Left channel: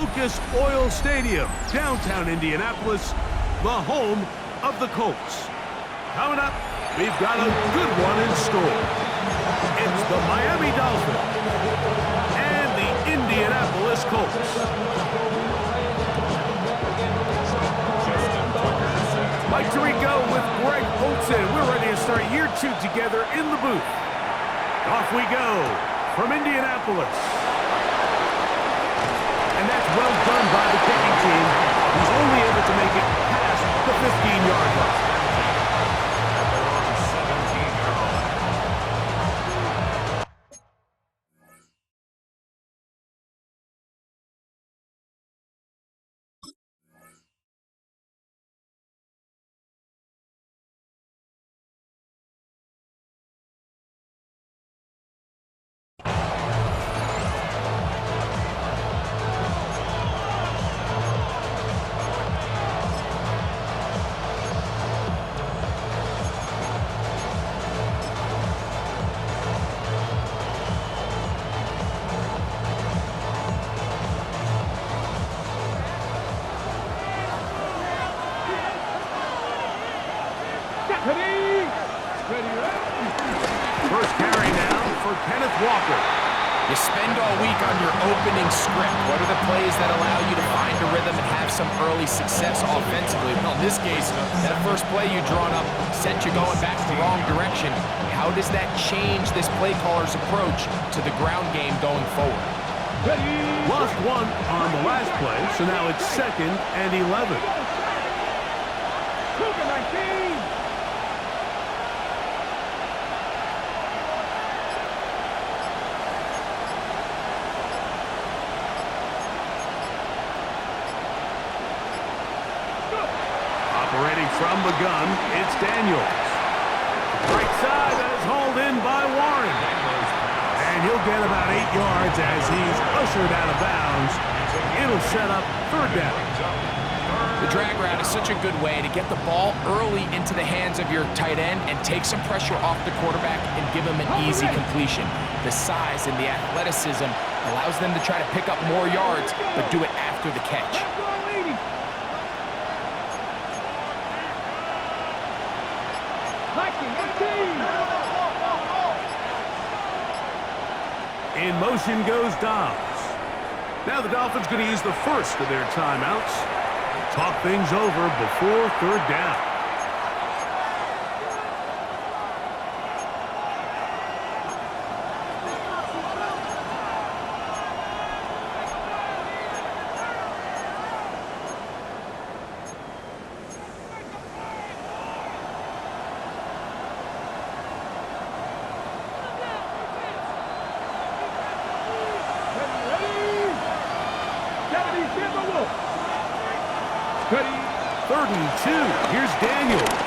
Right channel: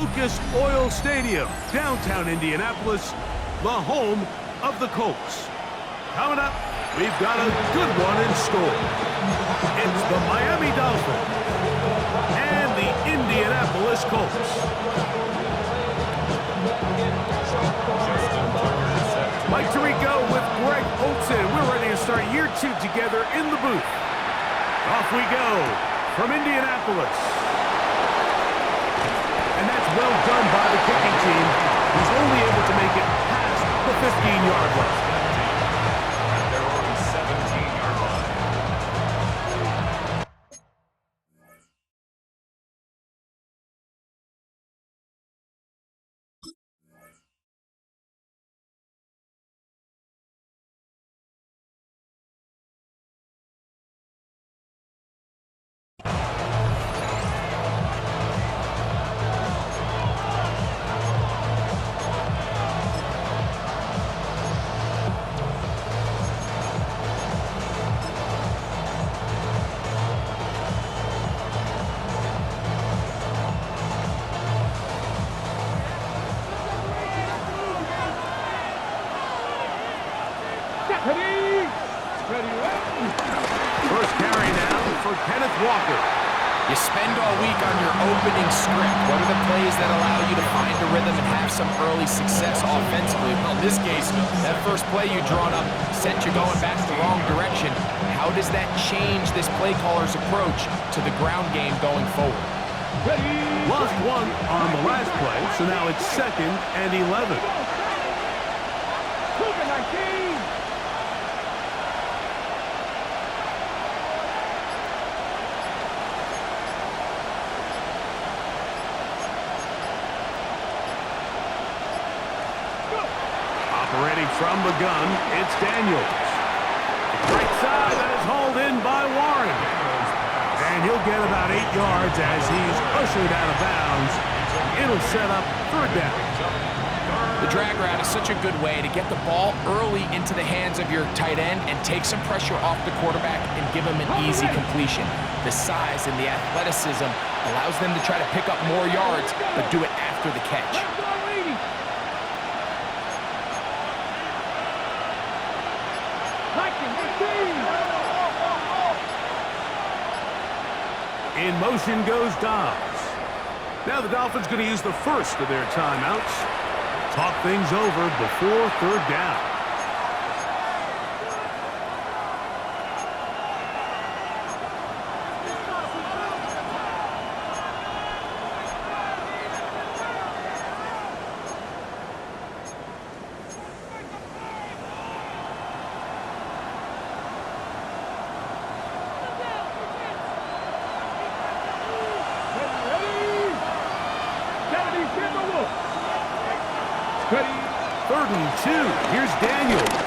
Lucas Oil Stadium, downtown Indianapolis, the home of the Colts. Coming up, we've got a good one in store. It's the Miami Dolphins and the Indianapolis Colts. Mike Tirico with Greg Olsen. We're ready to start year 2 together in the booth. Off we go from Indianapolis. And that's well done by the kicking team. He's only able to make it past the 15-yard line. At their own 17-yard line. First carry now for Kenneth Walker. You spend all week on your opening script. What are the plays that allow you to find a rhythm and have some early success offensively? Well, in this case, that first play you drawn up sent you going back the wrong direction. How does that change this play caller's approach to the ground game going forward? Lost one on the last play, so now it's 2nd and 11. Operating from the gun, it's Daniels. Right side, that is hauled in by Warren. And he'll get about 8 yards as he's ushered out of bounds. It'll set up 3rd down. The drag route is such a good way to get the ball early into the hands of your tight end and take some pressure off the quarterback and give him an easy completion. The size and the athleticism allows them to try to pick up more yards, but do it after the catch. In motion goes Dobbs. Now the Dolphins going to use the first of their timeouts. Talk things over before 3rd down. Ready. 3rd and 2. Here's Daniels.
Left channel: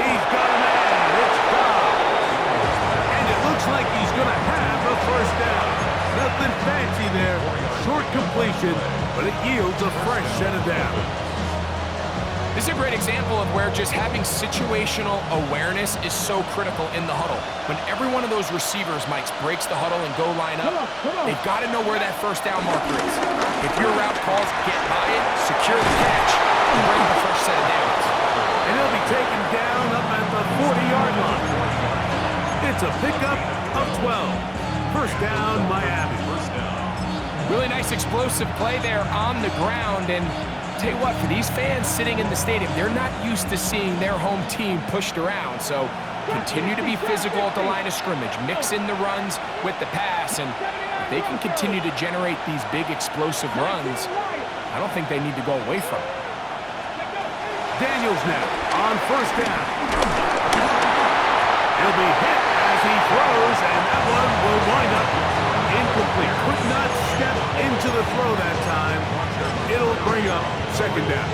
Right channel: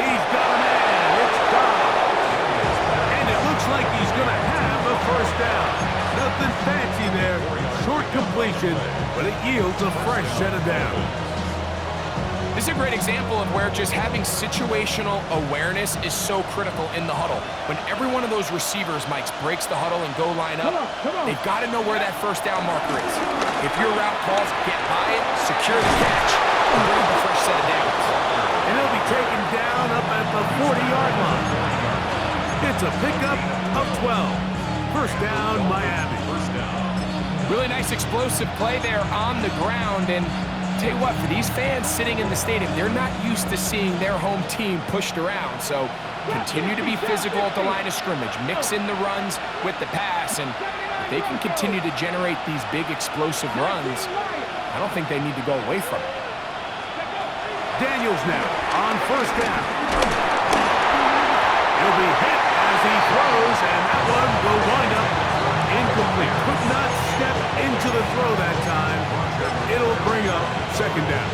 He's got a man. It's Dobbs. And it looks like he's going to have a 1st down. Nothing fancy there. Short completion, but it yields a fresh set of downs. This is a great example of where just having situational awareness is so critical in the huddle. When every one of those receivers, Mike, breaks the huddle and go line up, they've got to know where that 1st down marker is. If your route calls, get by it, secure the catch, and bring up a fresh set of downs. And he'll be taken down up at the 40-yard line. It's a pickup of 12. 1st down, Miami. Really nice explosive play there on the ground, and tell you what, for these fans sitting in the stadium, they're not used to seeing their home team pushed around. So continue to be physical at the line of scrimmage, mix in the runs with the pass, and if they can continue to generate these big explosive runs, I don't think they need to go away from it. Daniels now on 1st down. He'll be hit as he throws, and that one will wind up incomplete. Could not step into the throw that time. It'll bring up 2nd down.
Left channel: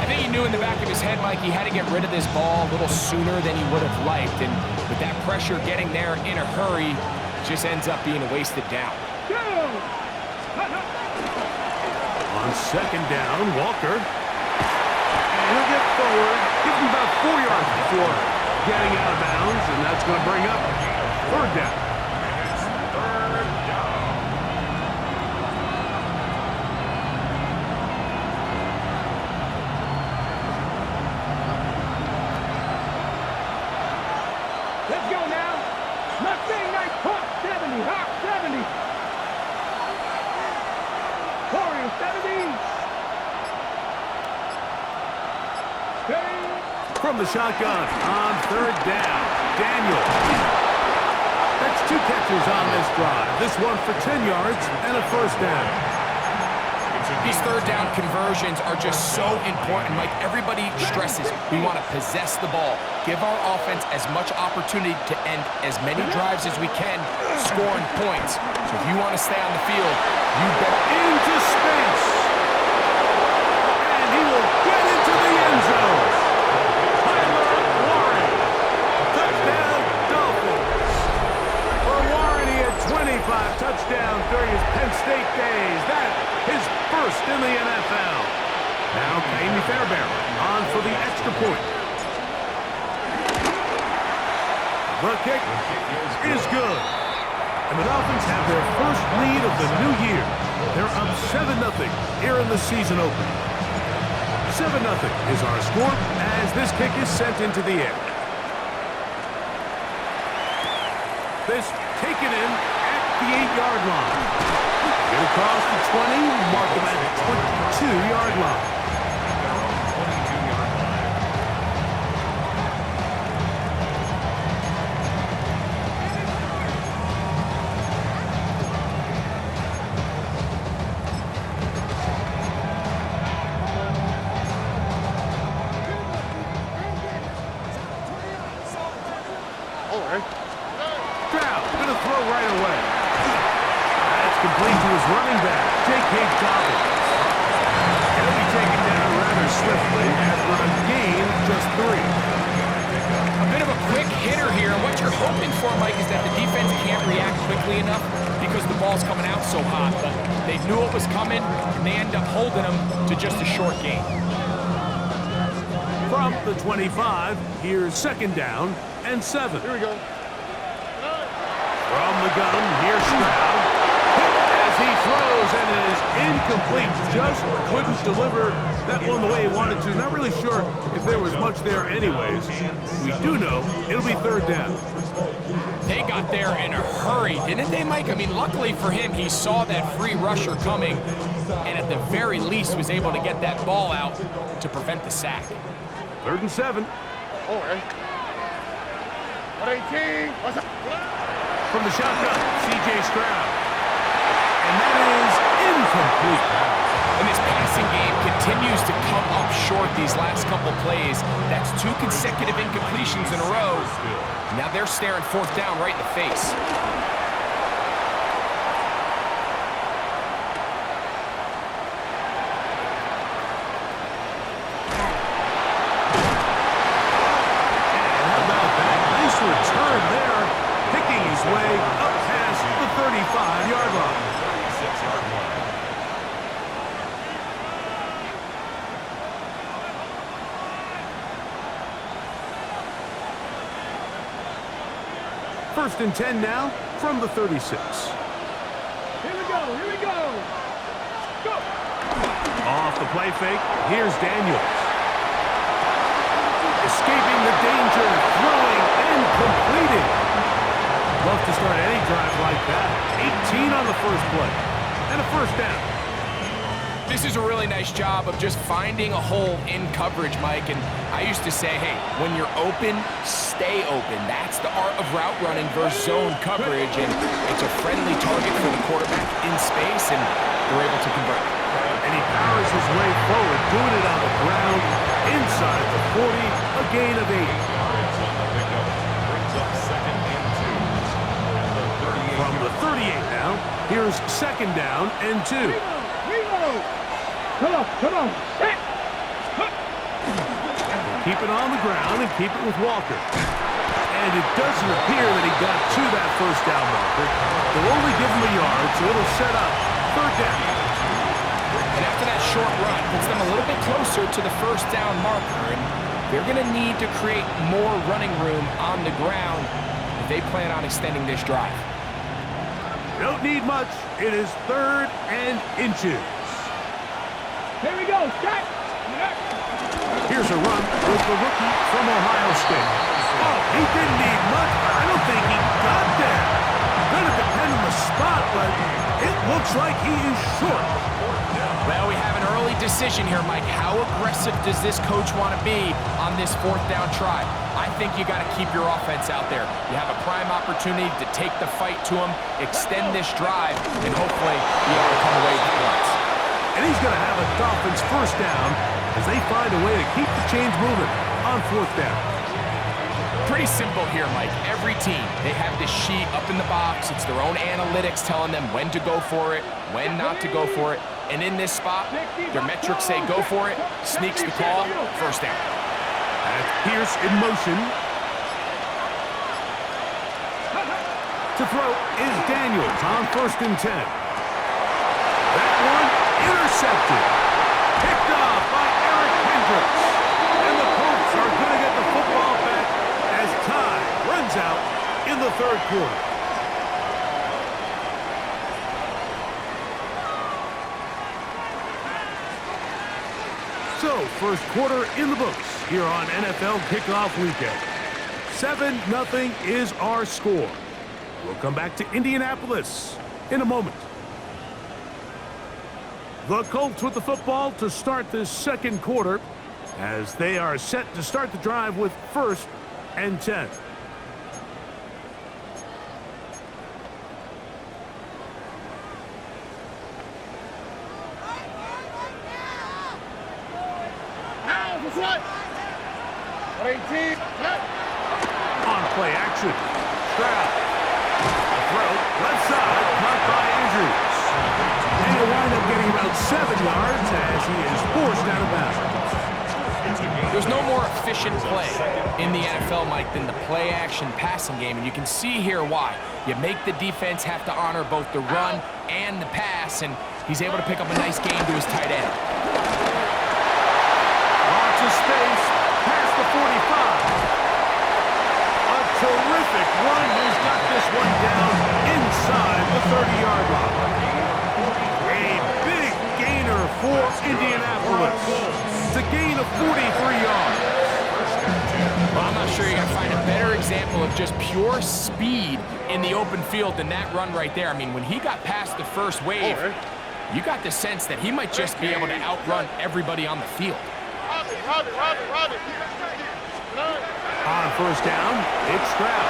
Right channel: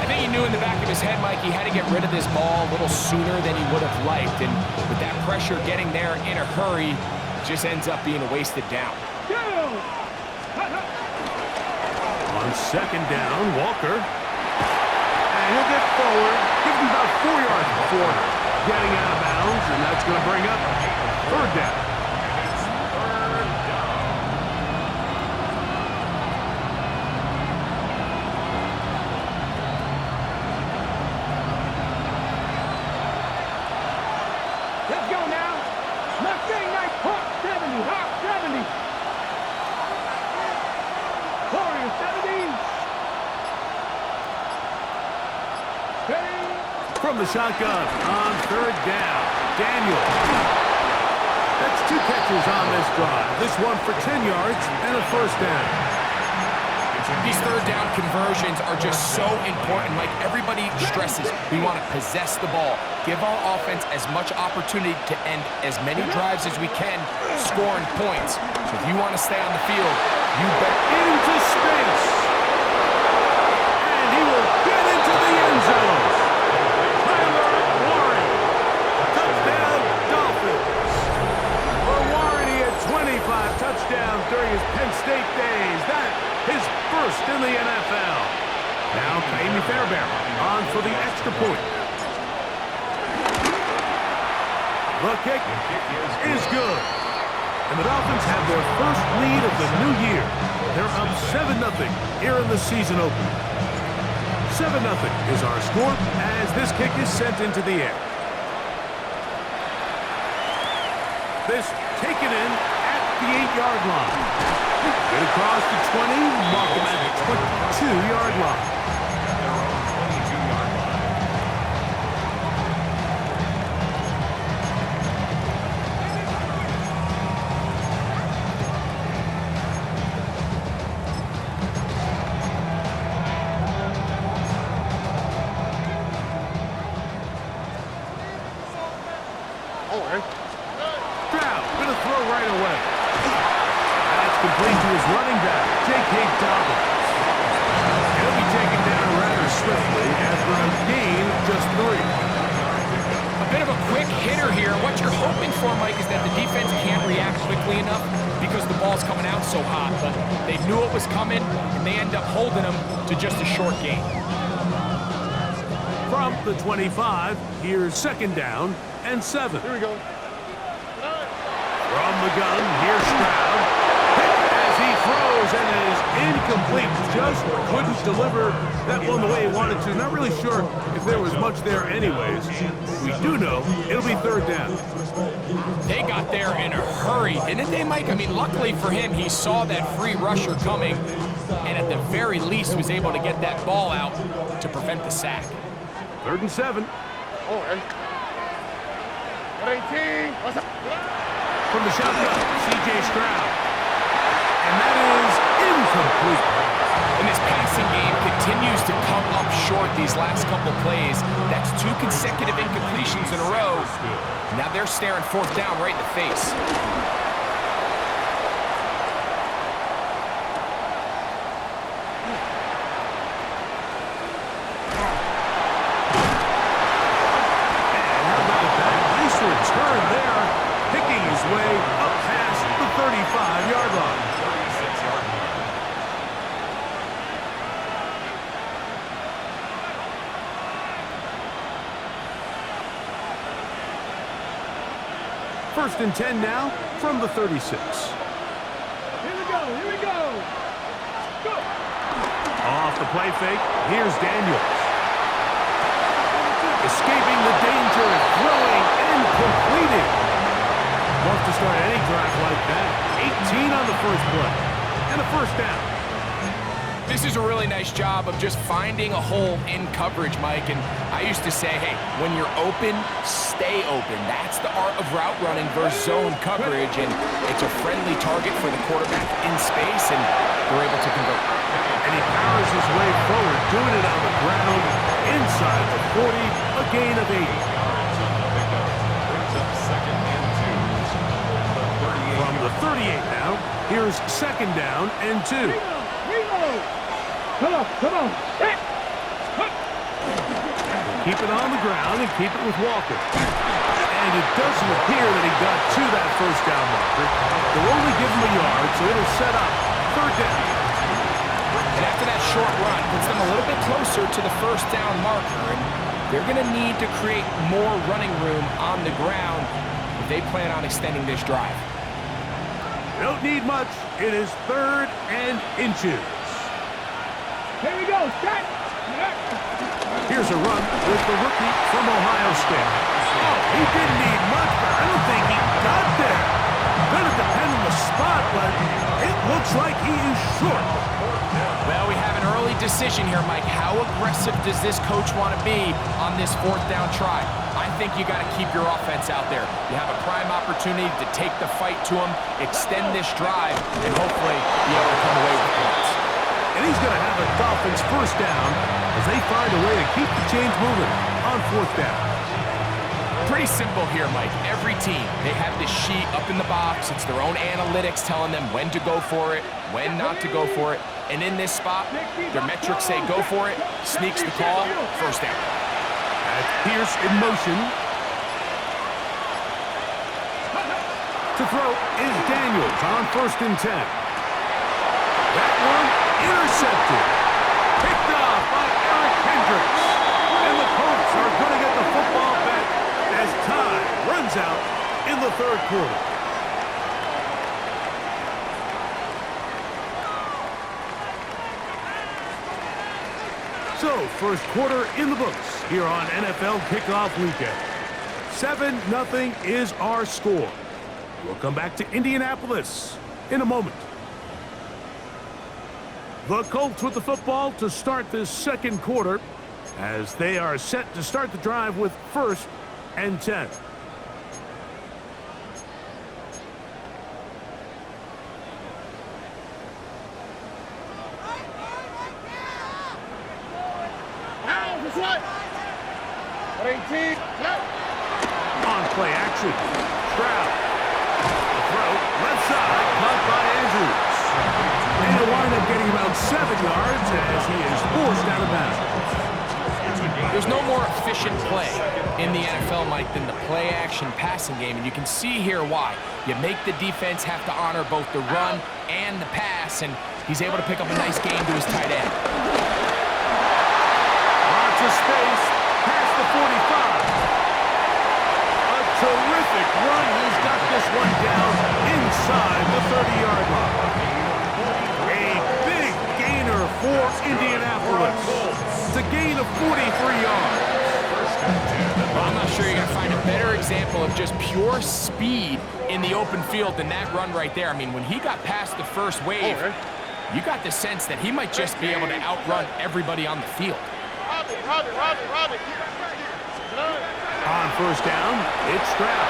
I think he knew in the back of his head, Mike, he had to get rid of this ball a little sooner than he would have liked. And with that pressure getting there in a hurry, it just ends up being a wasted down. On 2nd down, Walker. And he'll get forward. Give him about 4 yards before getting out of bounds. And that's going to bring up 3rd down. From the shotgun on third down, Daniel. That's 2 catches on this drive. This one for 10 yards and a first down. These third down conversions are just so important. Mike, everybody stresses we want to possess the ball, give our offense as much opportunity to end as many drives as we can, scoring points. So if you want to stay on the field, you bet into space. And he will get into the end zone. Tyler Warren. Touchdown, Dolphins. For Warren, he had 25 touchdowns during his Penn State days. That his first in the NFL. Now Amy Fairbairn on for the extra point. The kick is good. And the Dolphins have their first lead of the new year. They're up 7-0 here in the season opener. 7-0 is our score as this kick is sent into the air. This taken in at the 8-yard line. Get across the 20, mark them at the 22-yard line. At their own 22-yard line. Stroud gonna throw right away. That's complete to his running back, J.K. Dobbins. He'll be taken down rather swiftly after a gain of just 3. a bit of a quick hitter here. What you're hoping for, Mike, is that the defense can't react quickly enough because the ball's coming out so hot. But they knew it was coming, and they end up holding them to just a short gain. From the 25, here's 2nd down and 7. Here we go. From the gun, here's Stroud. Hit as he throws, and it is incomplete. Just couldn't deliver that one the way he wanted to. Not really sure if there was much there anyways. We do know it'll be 3rd down. They got there in a hurry, didn't they, Mike? I mean, luckily for him, he saw that free rusher coming, and at the very least was able to get that ball out to prevent the sack. 3rd and 7. Oh, hey. 118. What's up? From the shotgun, C.J. Stroud. And that is incomplete. And this passing game continues to come up short these last couple plays. That's 2 consecutive incompletions in a row. Now they're staring 4th down right in the face. And how about that? Nice return there. Picking his way up past the 35-yard line. 36-yard line. First and 10 now from the 36. Here we go. Here we go. Go. Off the play fake, here's Daniels. Escaping the danger, throwing and completing. Love to start any drive like that. 18 on the first play. And a first down. This is a really nice job of just finding a hole in coverage, Mike. And I used to say, hey, when you're open, stay open. That's the art of route running versus zone coverage. And it's a friendly target for the quarterback in space, and they're able to convert. And he powers his way forward, doing it on the ground, inside the 40, a gain of 8. 8 yards on the pickup. Brings up 2nd and 2. At the 38. From the 38 now, here's 2nd down and 2. Reload. Come on. Come on. Keep it on the ground and keep it with Walker. And it doesn't appear that he got to that first down marker. They'll only give him a yard, so it'll set up 3rd down. And after that short run, puts them a little bit closer to the first down marker. And they're going to need to create more running room on the ground if they plan on extending this drive. Don't need much. It is 3rd and inches. Here we go. Start. Here's a run with the rookie from Ohio State. Oh, he didn't need much, but I don't think he got there. Gonna depend on the spot, but it looks like he is short. Well, we have an early decision here, Mike. How aggressive does this coach want to be on this 4th down try? I think you got to keep your offense out there. You have a prime opportunity to take the fight to him, extend this drive, and hopefully be able to come away with points. And he's going to have a Dolphins 1st down as they find a way to keep the chains moving on 4th down. Pretty simple here, Mike. Every team, they have this sheet up in the box. It's their own analytics telling them when to go for it, when not to go for it. And in this spot, their metrics say go for it, sneaks the call, 1st down. As Pierce in motion. To throw is Daniels on 1st and 10. That one intercepted. Picked off by Eric Hendricks. And the Colts are going to get the football back as time runs out in the 3rd quarter. So, 1st quarter in the books here on NFL Kickoff Weekend. 7-0 is our score. We'll come back to Indianapolis in a moment. The Colts with the football to start this 2nd quarter as they are set to start the drive with 1st and 10. On play action, Stroud. The throw, left side, caught by Andrews. And he'll wind up getting about 7 yards as he is forced out of bounds. There's no more efficient play in the NFL, Mike, than the play-action passing game, and you can see here why. You make the defense have to honor both the run and the pass, and he's able to pick up a nice gain to his tight end. Lots of space, past the 45. A terrific run. He's got this one down inside the 30-yard line. A big gainer for Indianapolis. It's a gain of 43 yards. Well, I'm not sure you're going to find a better example of just pure speed in the open field than that run right there. I mean, when he got past the first wave, you got the sense that he might just be able to outrun everybody on the field. On 1st down, it's Stroud.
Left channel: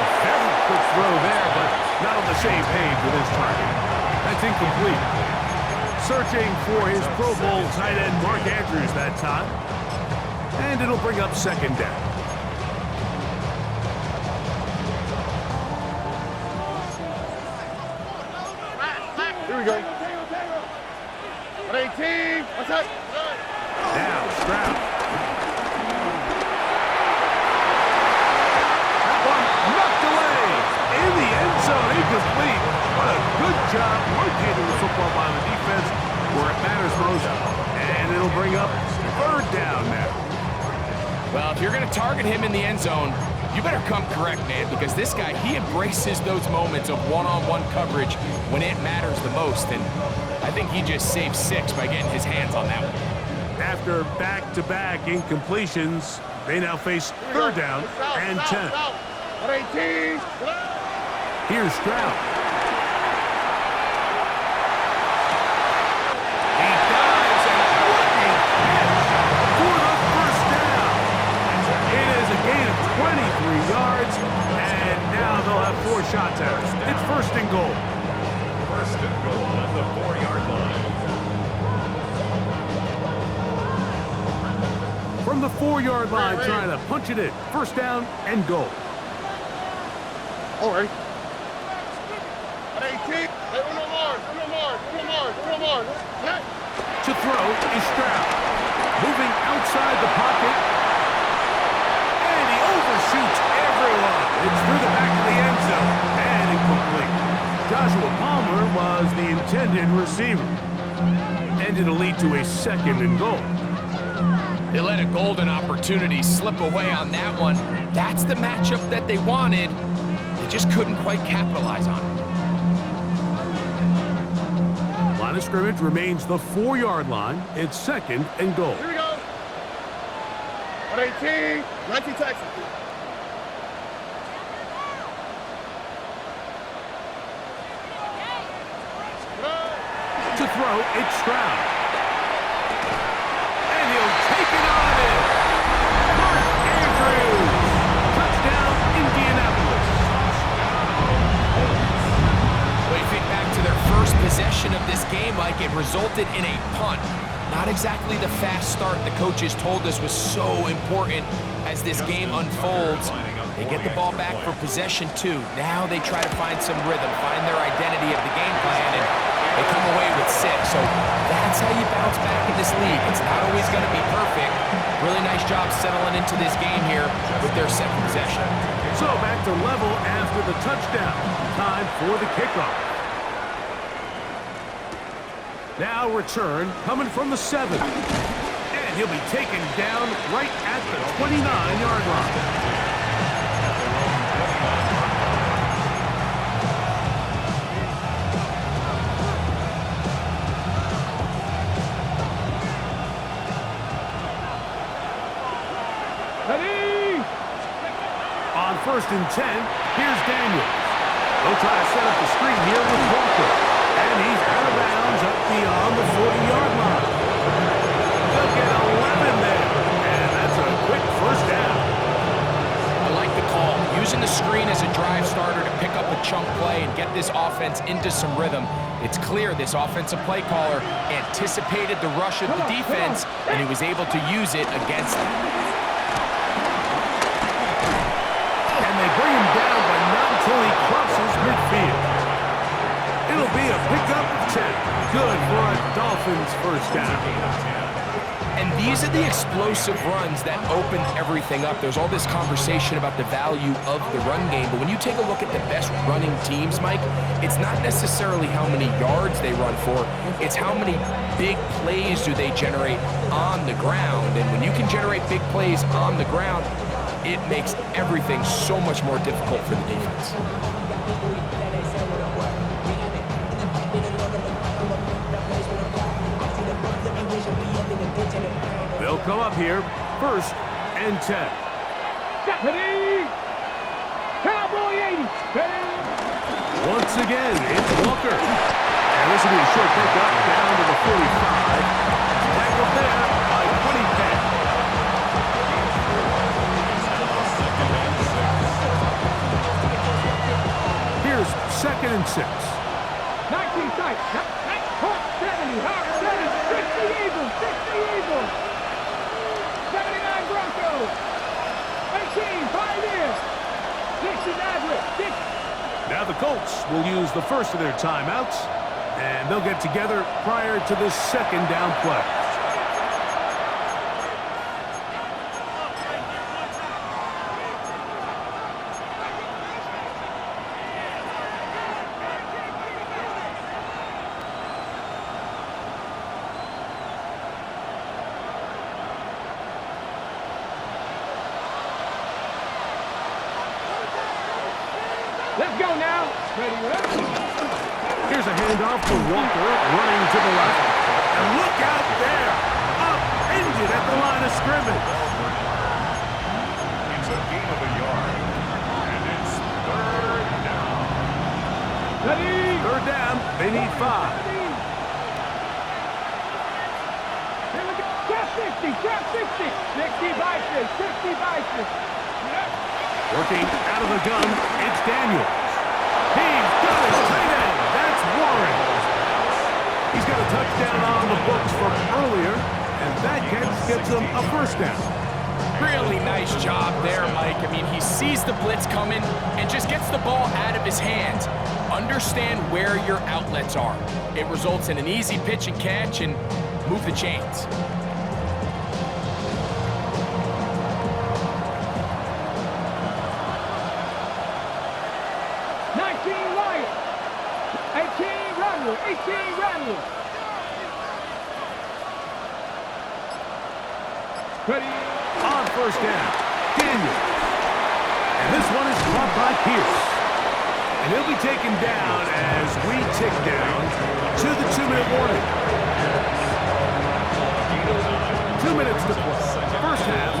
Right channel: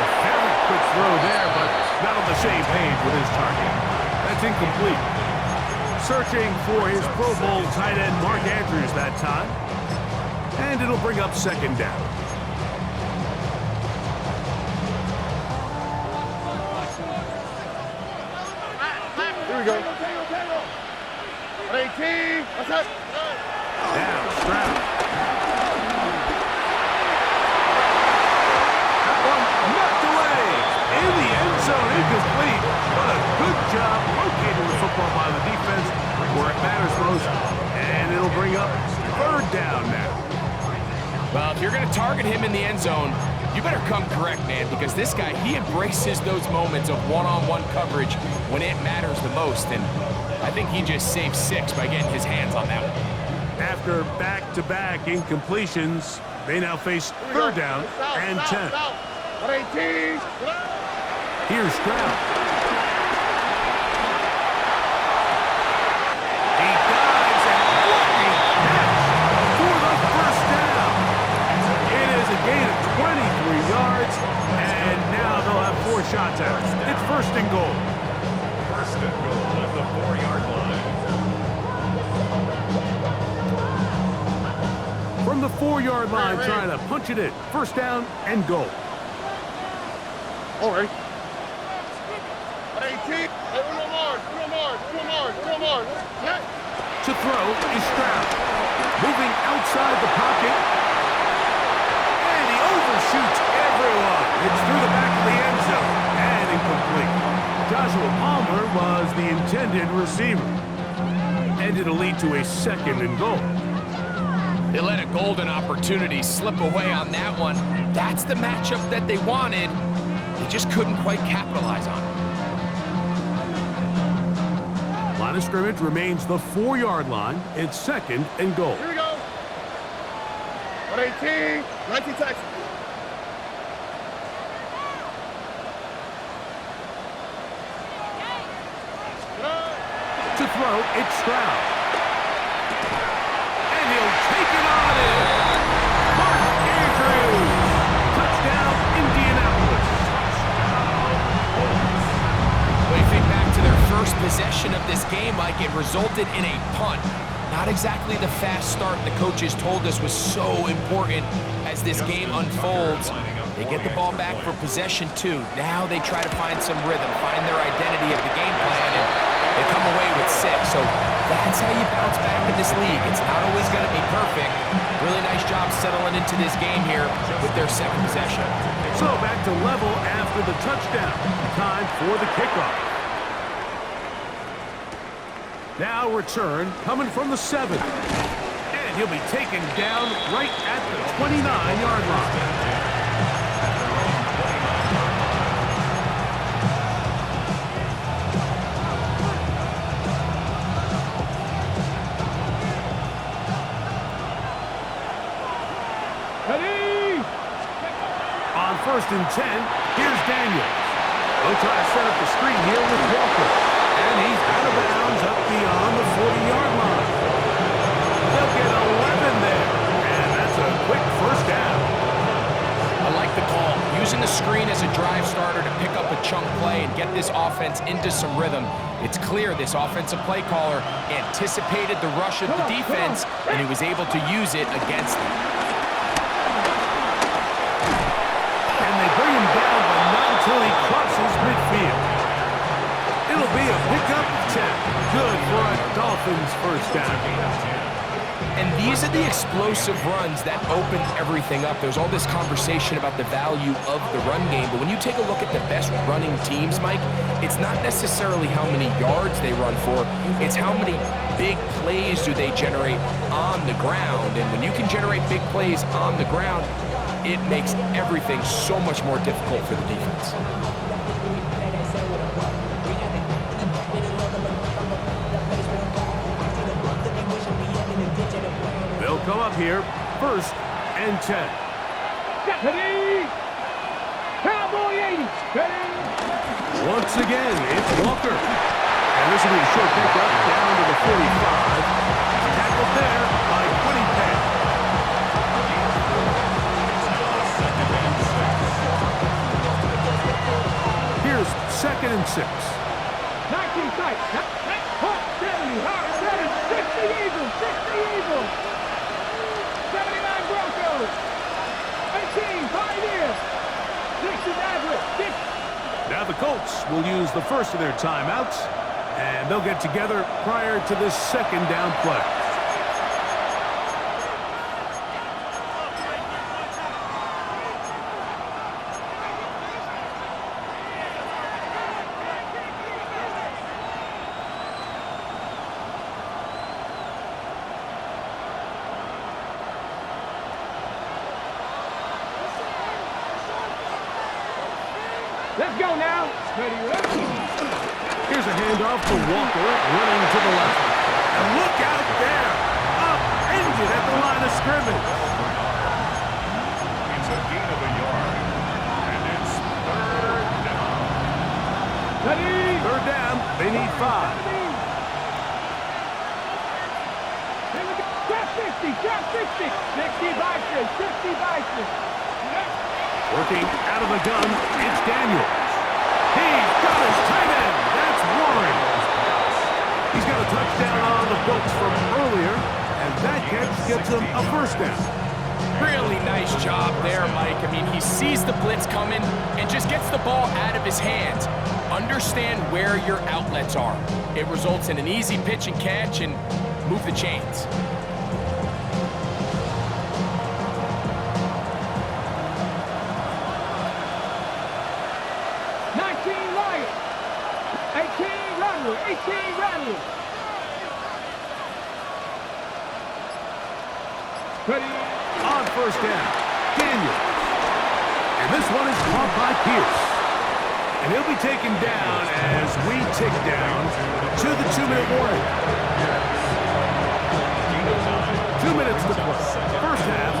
A very quick throw there, but not on the same page with his target. That's incomplete. Searching for his Pro Bowl tight end, Mark Andrews, that time. And it'll bring up 2nd down. Here we go. 18. What's up? Now, Stroud. That one knocked away. In the end zone, incomplete. What a good job locating the football by the defense where it matters most. And it'll bring up 3rd down now. Well, if you're going to target him in the end zone, you better come correct, man, because this guy, he embraces those moments of one-on-one coverage when it matters the most, and I think he just saved 6 by getting his hands on that one. After back-to-back incompletions, they now face 3rd down and 10. 18. Here's Stroud. He dives, and what a catch for the 1st down. It is a gain of 23 yards, and now they'll have 4 shots at it. It's 1st and goal. 1st and goal at the 4-yard line. From the 4-yard line, trying to punch it in. 1st down and goal. All right. 18. Uno more. To throw is Stroud. Moving outside the pocket. And he overshoots everyone. It's through the back of the end zone. And incomplete. Joshua Palmer was the intended receiver. And it'll lead to a 2nd and goal. They let a golden opportunity slip away on that one. That's the matchup that they wanted. They just couldn't quite capitalize on it. Line of scrimmage remains the 4-yard line. It's 2nd and goal. Here we go. 118. 19 Texas. throw, it's Stroud. And he'll take it on in. Mark Andrews. Touchdown, Indianapolis. Well, you think back to their first possession of this game, Mike, it resulted in a punt. Not exactly the fast start the coaches told us was so important as this game unfolds. They get the ball back for possession 2. Now they try to find some rhythm, find their identity of the game plan, and they come away with 6. So that's how you bounce back in this league. It's not always going to be perfect. Really nice job settling into this game here with their second possession. So back to level after the touchdown. Time for the kickoff. Now return coming from the 7. And he'll be taken down right at the 29-yard line. At their own 29-yard line. Ready? On 1st and 10, here's Daniels. They'll try to set up the screen here with Walker. And he's out of bounds up beyond the 40-yard line. They'll get 11 there. And that's a quick first down. I like the call. Using the screen as a drive starter to pick up a chunk play and get this offense into some rhythm. It's clear this offensive play caller anticipated the rush of the defense, and he was able to use it against them. And they bring him down, but not until he crosses midfield. It'll be a pickup of 10. Good for a Dolphins first down. And these are the explosive runs that open everything up. There's all this conversation about the value of the run game, but when you take a look at the best running teams, Mike, it's not necessarily how many yards they run for, it's how many big plays do they generate on the ground. And when you can generate big plays on the ground, it makes everything so much more difficult for the defense. They'll come up here, 1st and 10. Ready? Cowboy 80. Ready? Once again, it's Walker. And this will be a short pickup down to the 45. Tackled there by 20 Penn. Here's 2nd and 6. 19 sight. 70. Hawk 7. 60 Eagles. 60 Eagles. 79 Broncos. 18 Pioneers. 60 Nazareth. Now the Colts will use the first of their timeouts, and they'll get together prior to this 2nd down play. Let's go now. Ready, ready. Here's a handoff to Walker, running to the left. And look out there! Upended at the line of scrimmage. It's a gain of a yard. And it's 3rd down. Ready. 3rd down, they need 5. Here we go. Trap 60. Trap 60. 60 Bison. 60 Bison. Yep. Working out of the gun, it's Daniels. He's got his tight end. That's Warren. He's got a touchdown on the books from earlier, and that catch gets him a first down. Really nice job there, Mike. I mean, he sees the blitz coming and just gets the ball out of his hands. Understand where your outlets are. It results in an easy pitch and catch and move the chains. Ready? On 1st down, Daniels. And this one is caught by Pierce. And he'll be taken down as we tick down to the 2-minute warning. 2 minutes to play. First half,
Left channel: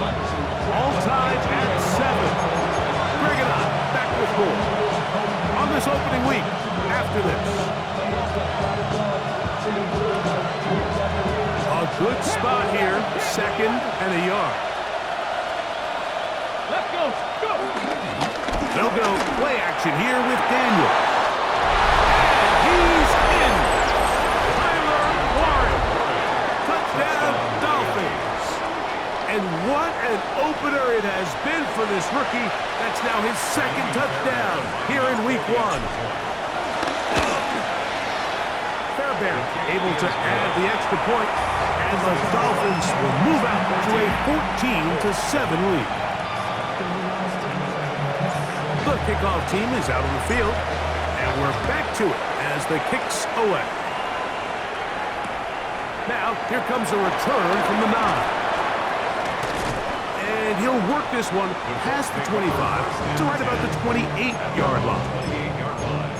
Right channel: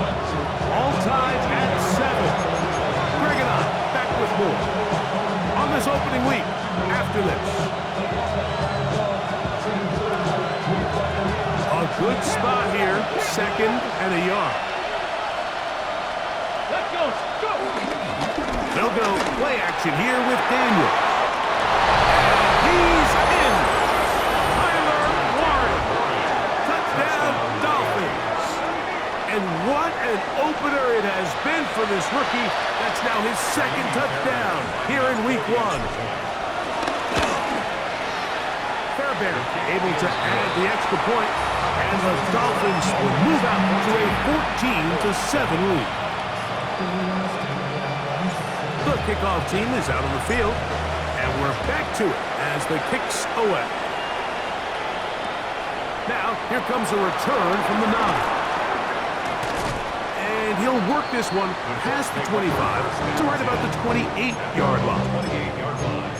all tied at 7. Greg and I back with more on this opening week after this. Good spot here, second and a yard. Let's go. Go. They'll go play action here with Daniels. And he's in. Tyler Warren. Touchdown, Dolphins. And what an opener it has been for this rookie. That's now his second touchdown here in week 1. Fairbairn able to add the extra point, and the Dolphins will move out to a 14-7 lead. The kickoff team is out on the field, and we're back to it as the kick's away. Now, here comes a return from the 9. And he'll work this one past the 25 to right about the 28-yard line. 28-yard line.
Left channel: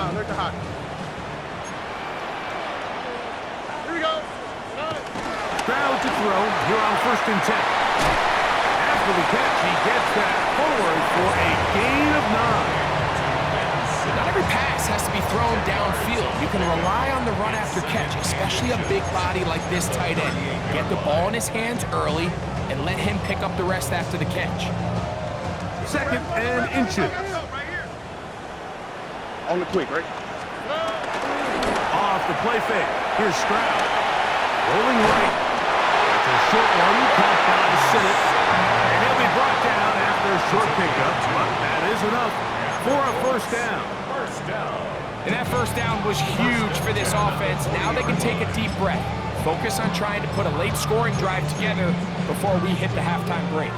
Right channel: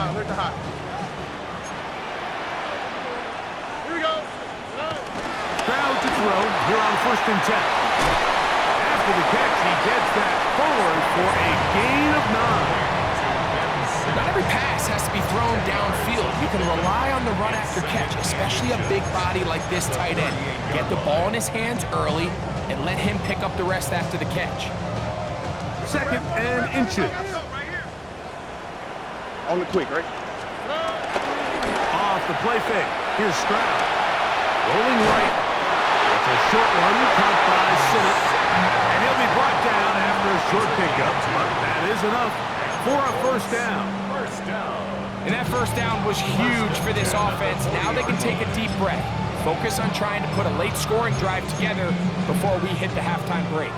Alert the hot. Here we go. Stroud to throw here on 1st and 10. After the catch, he gets that forward for a gain of 9. Not every pass has to be thrown downfield. You can rely on the run after catch, especially a big body like this tight end. Get the ball in his hands early and let him pick up the rest after the catch. 2nd and inches. On the quick, right? Off the play fake. Here's Stroud. Rolling right. That's a short one, caught by Sinnott. And he'll be brought down after a short pickup, but that is enough for a 1st down. First down. And that 1st down was huge for this offense. Now they can take a deep breath. Focus on trying to put a late scoring drive together before we hit the halftime break.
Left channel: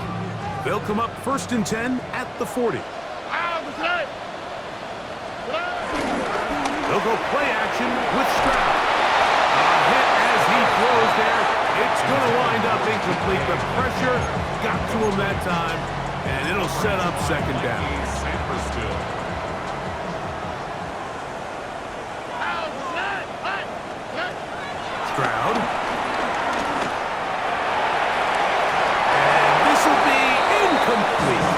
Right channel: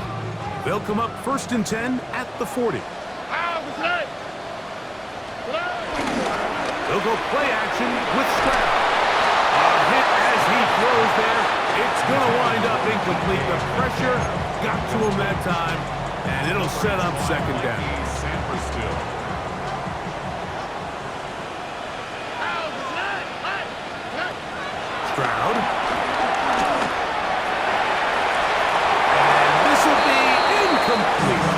They'll come up 1st and 10 at the 40. They'll go play action with Stroud. A hit as he throws there. It's going to wind up incomplete. The pressure got to him that time, and it'll set up 2nd down. Stroud. And this will be incomplete.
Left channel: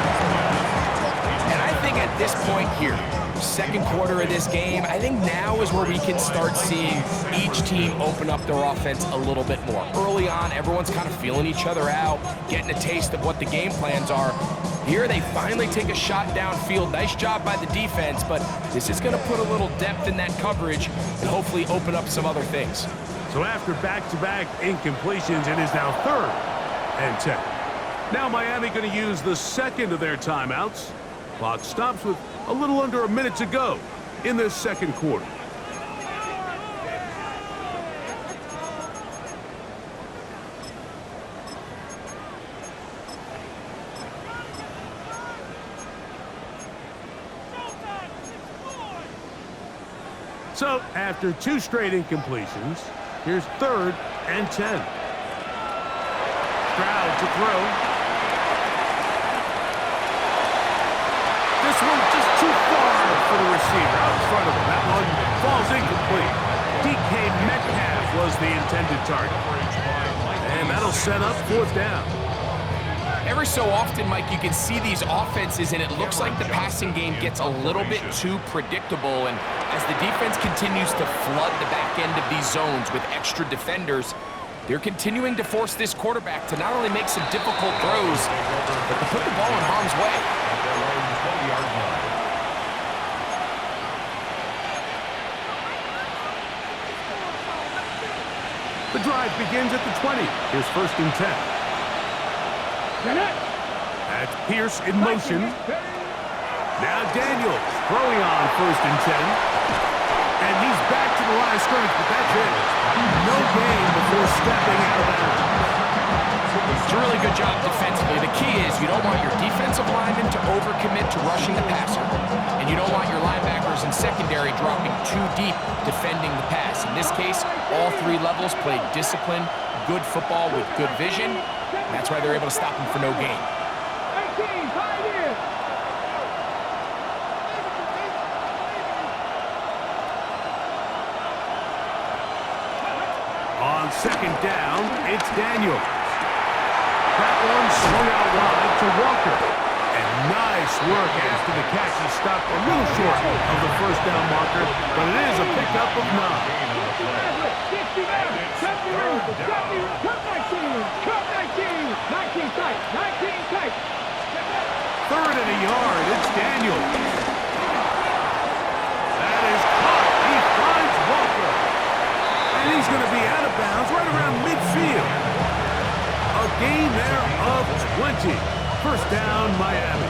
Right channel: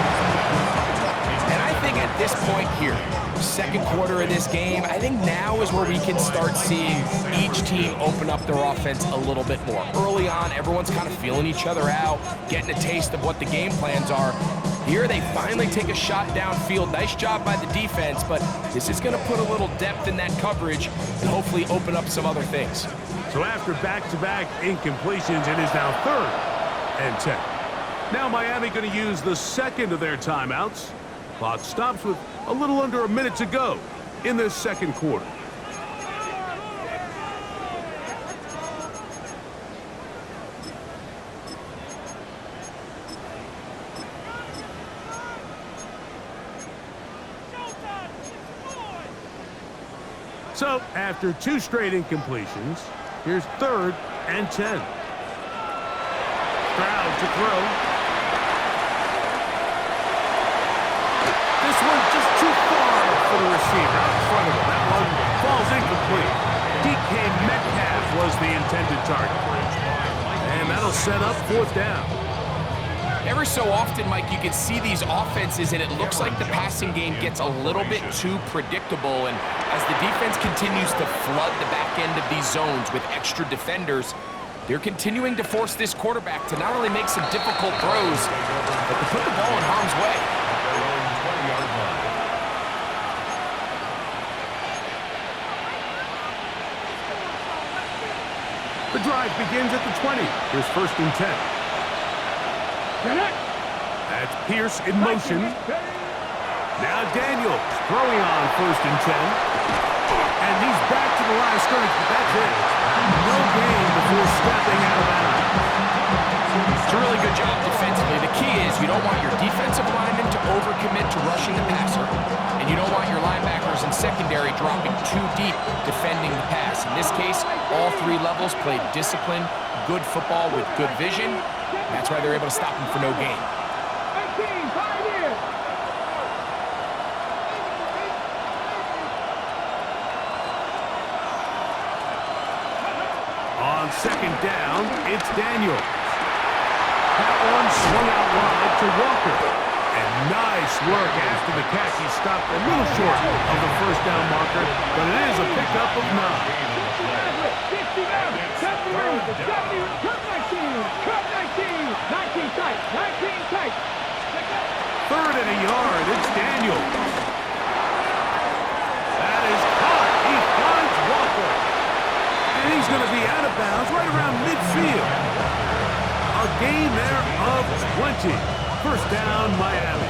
And I think at this point here, 2nd quarter of this game, I think now is where we can start seeing each team open up their offense a little bit more. Early on, everyone's kind of feeling each other out, getting a taste of what the game plans are. Here, they finally take a shot downfield. Nice job by the defense, but this is going to put a little depth in that coverage and hopefully open up some other things. So after back-to-back incompletions, it is now 3rd and 10. Now Miami going to use the 2nd of their timeouts. Clock stops with a little under a minute to go in this 2nd quarter. So after 2 straight incompletions, here's 3rd and 10. Stroud to throw. This one just too far for the receiver out in front of him. That one falls incomplete. DK Metcalf was the intended target. And that'll set up 4th down. Every so often, Mike, you can see these offenses, and it looks like the passing game gets a little bit too predictable. And as the defense continues to flood the back end of these zones with extra defenders, they're continuing to force this quarterback to not only make some difficult throws, but to put the ball in harm's way. At their own 20-yard line. The drive begins at the 20. Here's 1st and 10. That's Pierce in motion. Now Daniels throwing on 1st and 10. And he's back to the line of scrimmage, but that's it. No gain before stepping out of bounds. It's a really good job defensively. The key is you don't want your defensive linemen to overcommit to rushing the passer, and you don't want your linebackers and secondary dropping too deep defending the pass. In this case, all 3 levels played disciplined, good football with good vision. That's why they're able to stop him for no gain. 18, 5 years. On 2nd down, it's Daniels. That one swung out wide to Walker. And nice work after the catch. He stopped a little short of the first down marker, but it is a pickup of 9. 60 yards, 70 yards, 70, cut 19, 19 tight, 19 tight. 3rd and a yard, it's Daniels. That is caught. He finds Walker. And he's going to be out of bounds right around midfield. A gain there of 20. First down, Miami.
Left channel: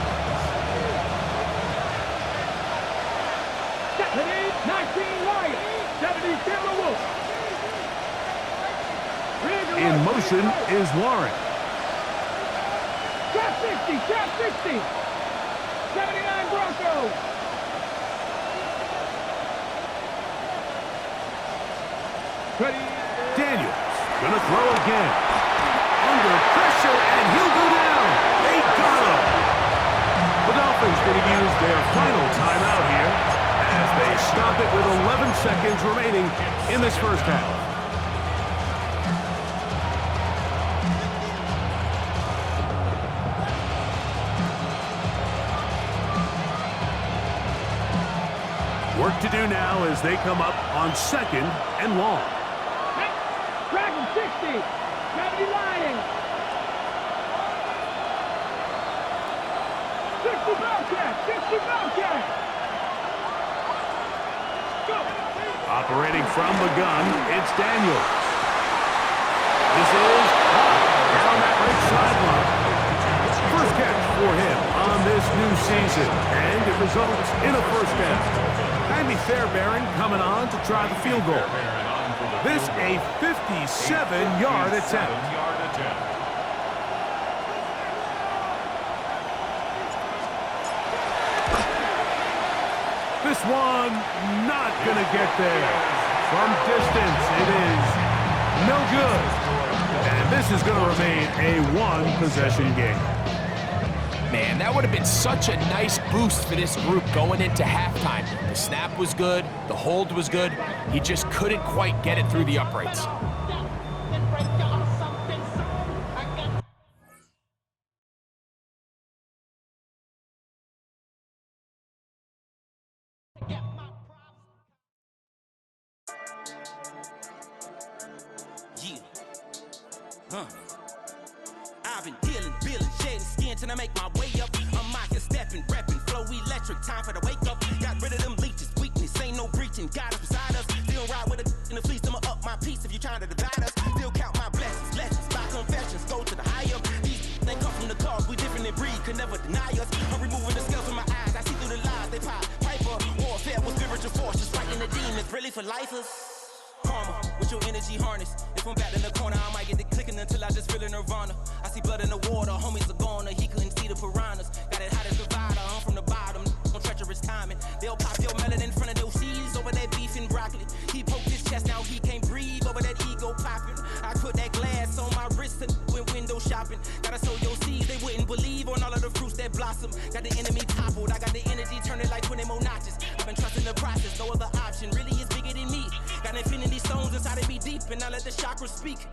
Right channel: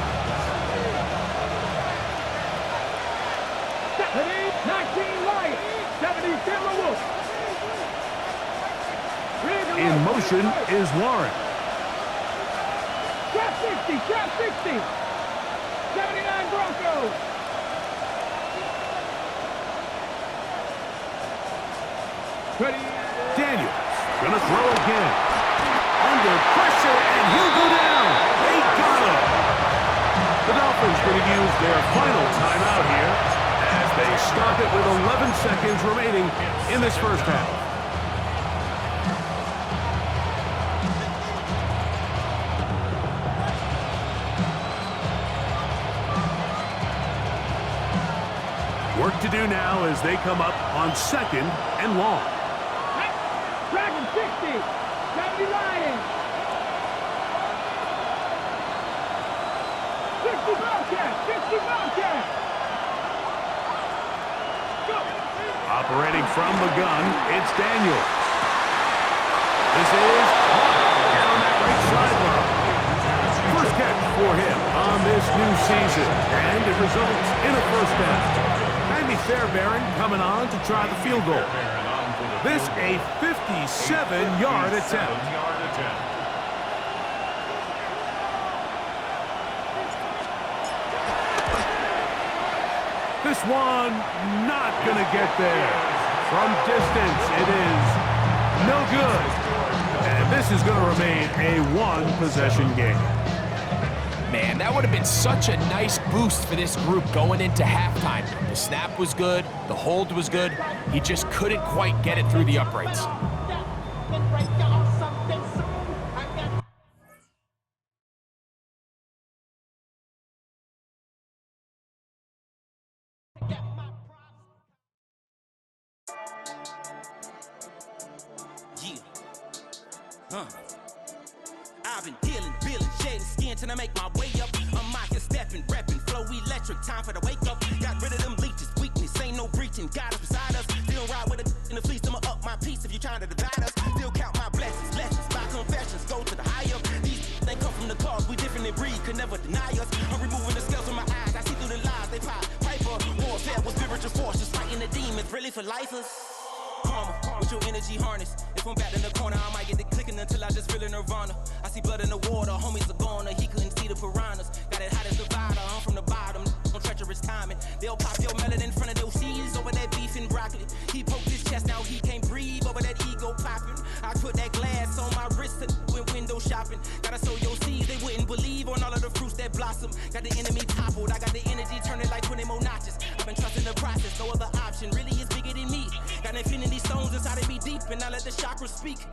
19 Lions, 70 Timberwolves. In motion is Warren. Trap 60, 79 Broncos. Daniels gonna throw again. Under pressure, and he'll go down. They got him. The Dolphins gonna use their final timeout here as they stop it with 11 seconds remaining in this first half. Work to do now as they come up on 2nd and long. Dragon 60, 70 Lions. 60 Bobcats, 60 Bobcats. Go. Operating from the gun, it's Daniels. This is caught down that right sideline. First catch for him on this new season, and it results in a first down. Jaime Fairbairn coming on to try the field goal. This a 57-yard attempt. This one not going to get there. From distance, it is no good. And this is going to remain a one-possession game. Man, that would have been such a nice boost for this group going into halftime. The snap was good, the hold was good. He just couldn't quite get it through the uprights. I've been dealing, billing, shedding skin till I make my way up. I'm out here stepping, repping, flow electric, time for the wake up. Got rid of them leeches, weakness, ain't no breaching. God is beside us, still ride with a in the fleece. I'ma up my piece if you trying to divide us. Still count my blessings, lessons, my confessions, go to the higher. These they come from the cause, we different in breed, could never deny us. I'm removing the scales from my eyes, I see through the lies they pop. Piper, warfare with spiritual force, just fighting the demons, really for lifers. Karma, with your energy harness. If I'm back in the corner, I might get the clicking until I just feel a nirvana. I see blood in the water, homies are gone, he couldn't see the piranhas. Got it hot as Nevada, I'm from the bottom, no treacherous timing. They'll pop your melon in front of those seeds over that beef and broccoli. He poked his chest, now he can't breathe over that ego popping. I put that glass on my wrist and went window shopping. Gotta sow your seeds, they wouldn't believe on all of the fruits that blossom. Got the enemy toppled, I got the energy turning like 20 more notches. I've been trusting the process, no other option really is bigger than me. Got infinity stones inside of me deep, and I let the chakras speak.